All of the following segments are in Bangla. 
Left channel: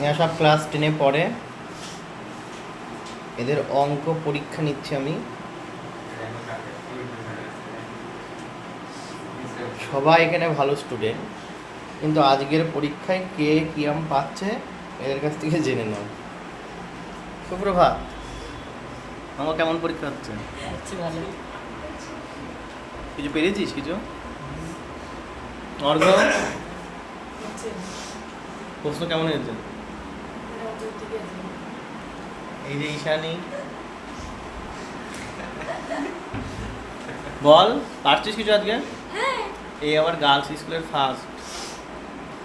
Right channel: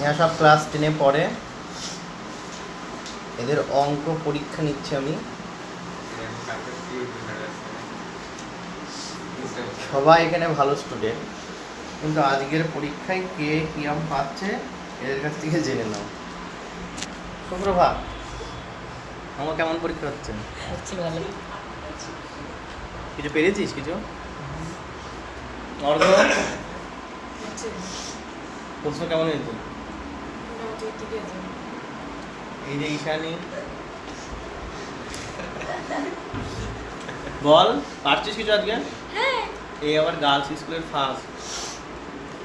এরা সব ক্লাস 10-এ পড়ে। এদের অঙ্ক পরীক্ষা নিচ্ছি আমি। সবাই এখানে ভালো স্টুডেন্ট, কিন্তু আজকের পরীক্ষায় কে কিরম পাচ্ছে এদের কাছ থেকে জেনে নাও। সুপ্রভাত, আমার কেমন পরীক্ষা হচ্ছে? ভালো। কিছু পেরেছিস? কিছু অর্ঘ প্রশ্ন কেমন হয়েছে? এই যে ঈশানী, বল পারছিস কিছু আজকে? এই আবার গার্লস স্কুলের ফার্স্ট,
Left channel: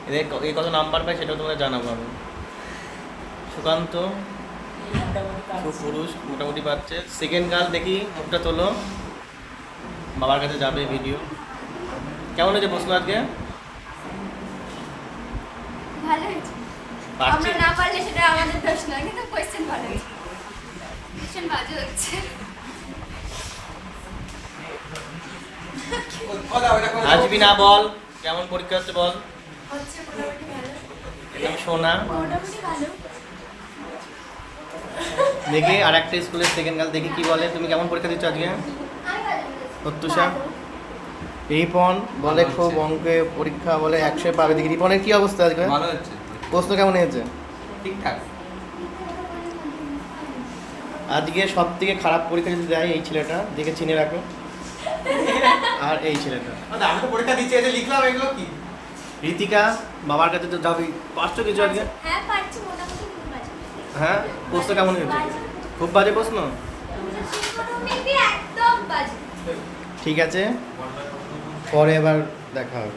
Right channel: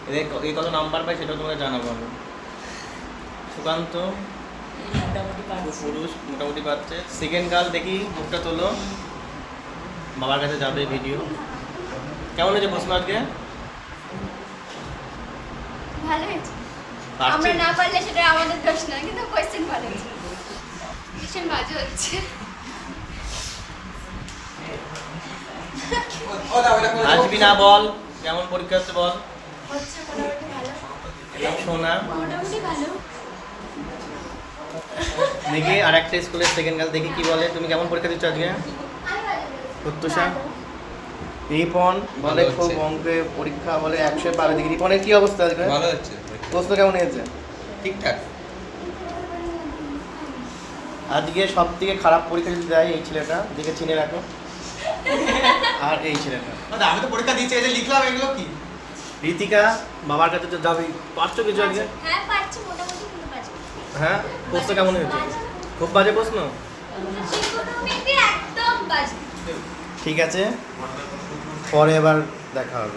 এদের এই কত নাম্বার পায় সেটা তোমরা জানাবো আমি। সুকান্ত পুরুষ মোটামুটি পাচ্ছে। সেকেন্ড গার্ল দেখি, মুখটা তোলো, বাবার কাছে যাবে ভিডিও। কেমন হয়েছে প্রশ্ন আজকে? ভালো হয়েছে। আমরা পারছিস? না পারলে সেটা আমাদের দোষ নয়, কিন্তু কোয়েশ্চেন ভালো হয়েছে। ভীষণ বাজে হচ্ছে। আসবি না, বল কেমন পরীক্ষা হচ্ছে বল। হচ্ছে মোটামুটি ভালো। সোনা মোটামুটি ভালো। দেখি আর একটা স্কুলের সেকেন্ড গার্ল দেখি কি বলে। তুমি কেমন পরীক্ষা দিচ্ছ আজকে? প্রত্যুষা, রিপন বলে খুব অঙ্কে পরীক্ষা বলে 100 পাবে। দেখি রিপনের কি অবস্থা আজকে? ভালো হচ্ছে, প্রশ্ন কেমন হয়েছে? ঠিকঠাক। আজকে সব থেকে খারাপ পরীক্ষা যদি দেয় এই ছেলেটা, দেখে চিনে রাখো। আর এই ছেলেটা আমি তো পরীক্ষা দিচ্ছি, এটা লিখলাম, এগুলো কি? রীতিকা, বাবার কাছে তো যাবি। পারছো কিছু আজকে? হ্যাঁ পারছি মোটামুটি, কিন্তু বাজে। হ্যাঁ, প্রশ্ন কেমন হয়েছে? খুব বাজে প্রশ্ন। ত্রিকোণমিতি একদম বাজে। ঠিক আছে, পরে এবার দেখা হবে।